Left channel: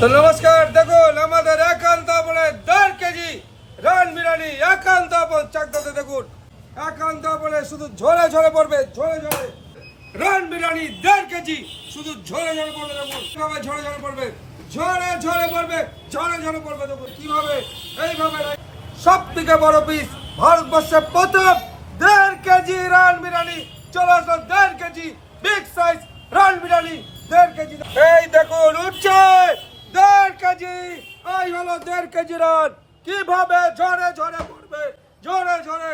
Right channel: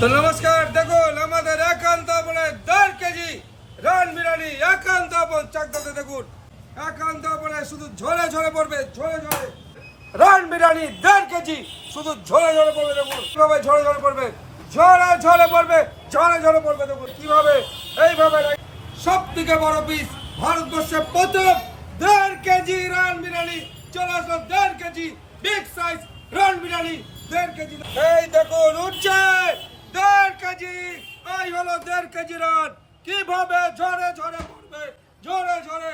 তো নমস্কার, দেখুন আমাদের একান্ত আপনে দেড় কেজি রান বিরিয়ানি একান্ত আপন চাকদাতে দেখুন। একান্ত আপনে শুধু ঝরে ঝরে পড়বে, ঝরে ঝরে। রান বিরিয়ানি দেড় কেজি শুধু ঝরে ঝরে পড়বে, দেখুন। কীভাবে ঝরে ঝরে পড়বে? ঝরে ঝরে পড়বে, ঝরে ঝরে পড়বে, দেখুন। কীভাবে? এইভাবে সব থেকে বড় পিস ভারতবর্ষের প্রথম দেড় কেজি রান বিরিয়ানি চলে আসলো দেড় KG big size raan biryani দেড় কেজি এই দেখুন, উঠছে! দেড় কেজি, এই হলো দেড় কেজি রান। কীভাবে ঝরে ঝরে পড়বে? ঝরে ঝরে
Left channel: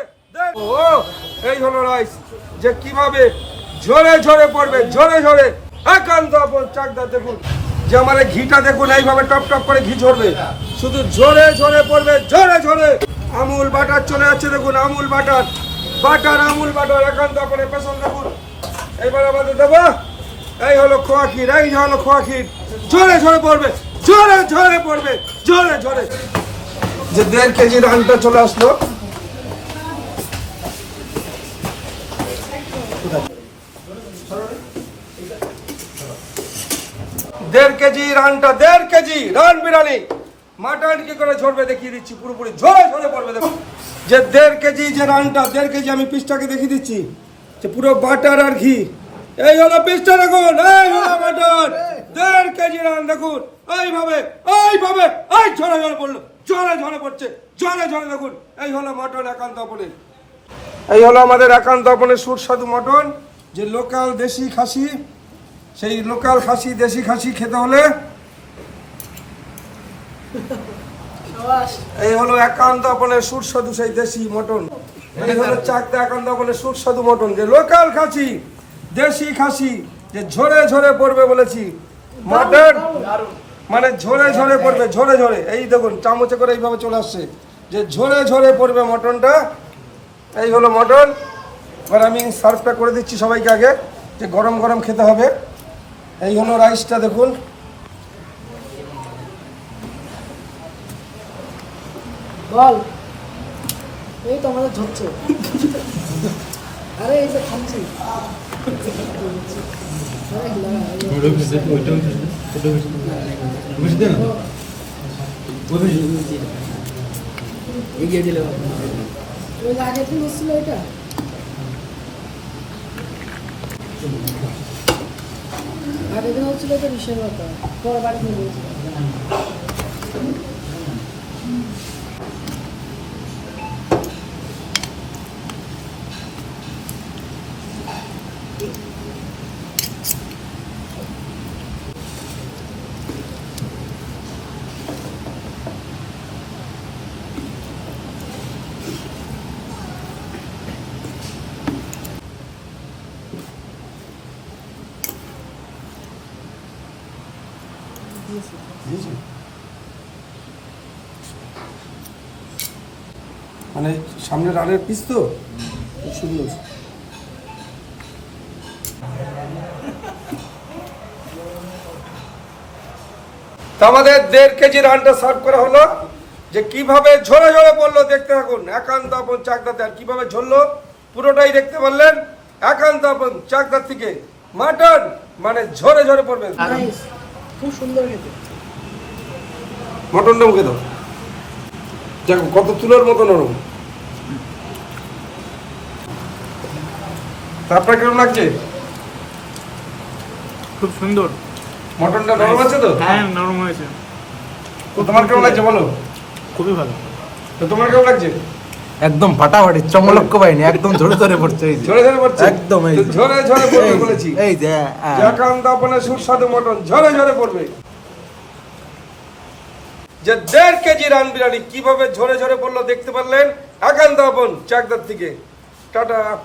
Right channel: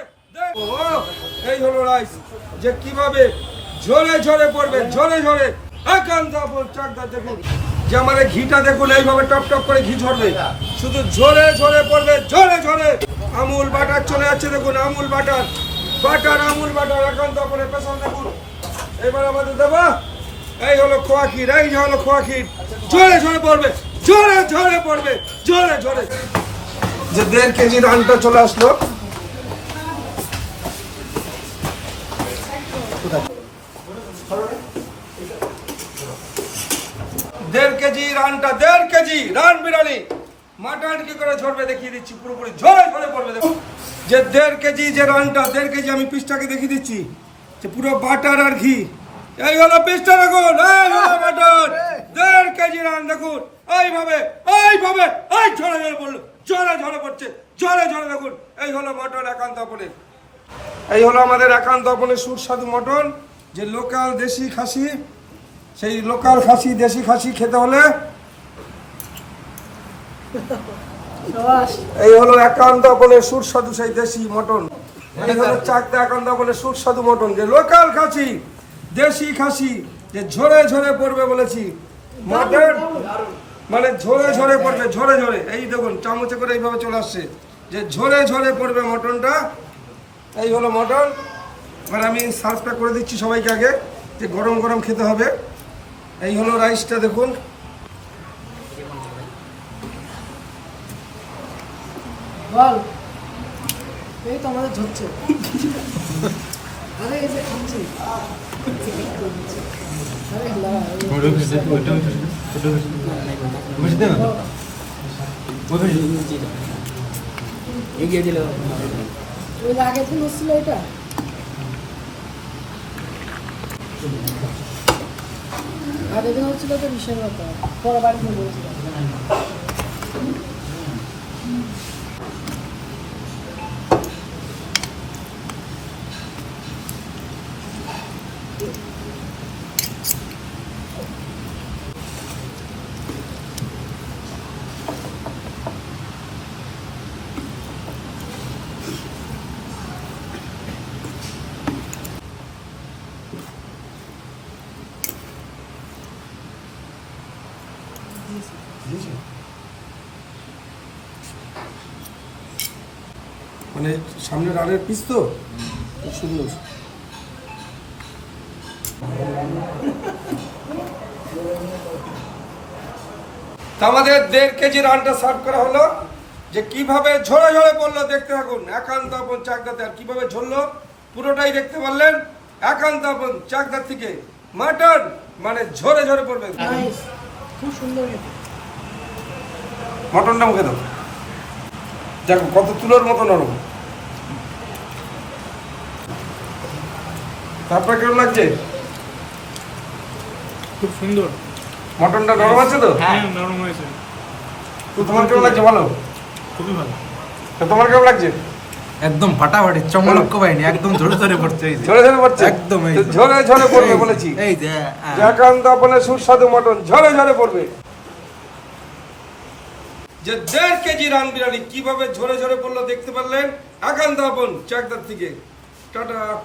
ও, এই হলো রাইস যে কীভাবে ঝরে ঝরে পড়বে, ঝরে ঝরে। একান্ত আপন চাকদা দেখুন। যে আমার ঘিটা দেখুন, এইভাবে টপ টপ করে ঘি ঝরবে। শুধু ঝরে ঝরে পড়বে, ঝরে ঝরে। আমুল বাটার চলে যাচ্ছে দেখুন, Amul butter. Butter, Amul butter, একান্ত আপন পেছন দেখুন। এবার আমাদের দেবো। এই হলো খোয়া ক্ষীর এই হলো খোয়া ক্ষীর ঝরে ঝরে পড়বে ঝরে ঝরে পড়বে ঝরে ঝরে যে দেড় কেজি রানটা চলে আসলো। দেড় কেজি রানটা দেড় কেজি রান বিরিয়ানি মাটন কি করে ঝরবে দেখিয়ে দিচ্ছি পুরোপুরি ঝরে ঝরে পড়বে দেখুন যে দেড় কেজি যে রানটা দেড় কেজি আমি পিসটাকে দেখিয়ে দিচ্ছি যে পুরো বাটার আর ঘি। এই হলো পিসটা দেখুন, এই হলো বাটার দেড় কেজি রান দেখুন, এইভাবে এইভাবে, এই ঝরে ঝরে পড়ল, ঝরে ঝরে পড়ছে, ঝরে ঝরে দেখুন, এই হলো মটন একান্ত আপনে এই হলো আমাদের একান্ত আপনে সুস্বাদু মটন, যে লোকাল দেশি খাসি, সেই লোকাল খাসি, দেশি খাসি খেতে হলে এই হলো একান্ত বলে সুস্বাদু সেই দেশি মটন। এই হলো চাকদা একান্ত বলে সুস্বাদু মটন, যে লোকাল খাসি। দেশি খাসি যে ঝরে ঝরে পড়বে বলেছি। মাটন মানে ঝরে ঝরে পড়বে, ঝরে ঝরে। এই দেখুন, চামচে করে এইভাবে চলে আসছে। যে ঝরে ঝরে পড়বে মটনটা, এই হলো মটন। এবার আমি সার্ভটা করে দিচ্ছি সবাইকে আগে, যে গরম গরম খেতে হবে। এই হলো রাইসটা, দেখুন। বল। এই তো আমাদের ধরছে। আরে, এই যে খাচ্ছি। এগিয়ে দিলে ওই আগের দিন হচ্ছিল এটা দিন হচ্ছিল এটা বিশাল ব্যাপার। পরে বাড়ি নিয়ে মানে সামনে রানের পিস তো? খুব সুন্দর আমাদের দেড় কেজি রানটা সার্ভ করা হলো। যে কীভাবে ঝরে ঝরে পড়ল দেখতে থাকুন। একান্ত আপন চাকদাতে। আর কীভাবে ঝরলো পুরোটাই দেখতে পারলেন। একান্ত আপন চাকদার থেকে মাটন মানে ঝরে ঝরে পড়বে খুব সুন্দর খেতে। মটনটা মুখে দাও। দেখো কত তুলোর মতো নরম তারপরে কেমন লাগছে? খুব সুন্দর। মটনটা নরম আছে তো? হ্যাঁ নরম হয়েছে। তো তোমার কেমন লাগছে বলো? খুবই ভালো। তো তোমার কেমন লাগছে? একদম ফাটাফাটি চমলক্ষ পাইনি একদম ধরে ধরে পড়ছে এই যে। ঝরে ঝরে পড়ছে? একদম এই। ঝরে ঝরে পড়বে বলেছি। এই যে হ্যাঁ। একান্ত বলে সুস্বাদু মটন ঝরে ঝরে পড়বে। যে দেড় কেজি রান বিরিয়ানি কীভাবে ঝরে ঝরে পড়ল দেখতে পারলেন? একান্ত আপন চাকদার থেকে। টাটা।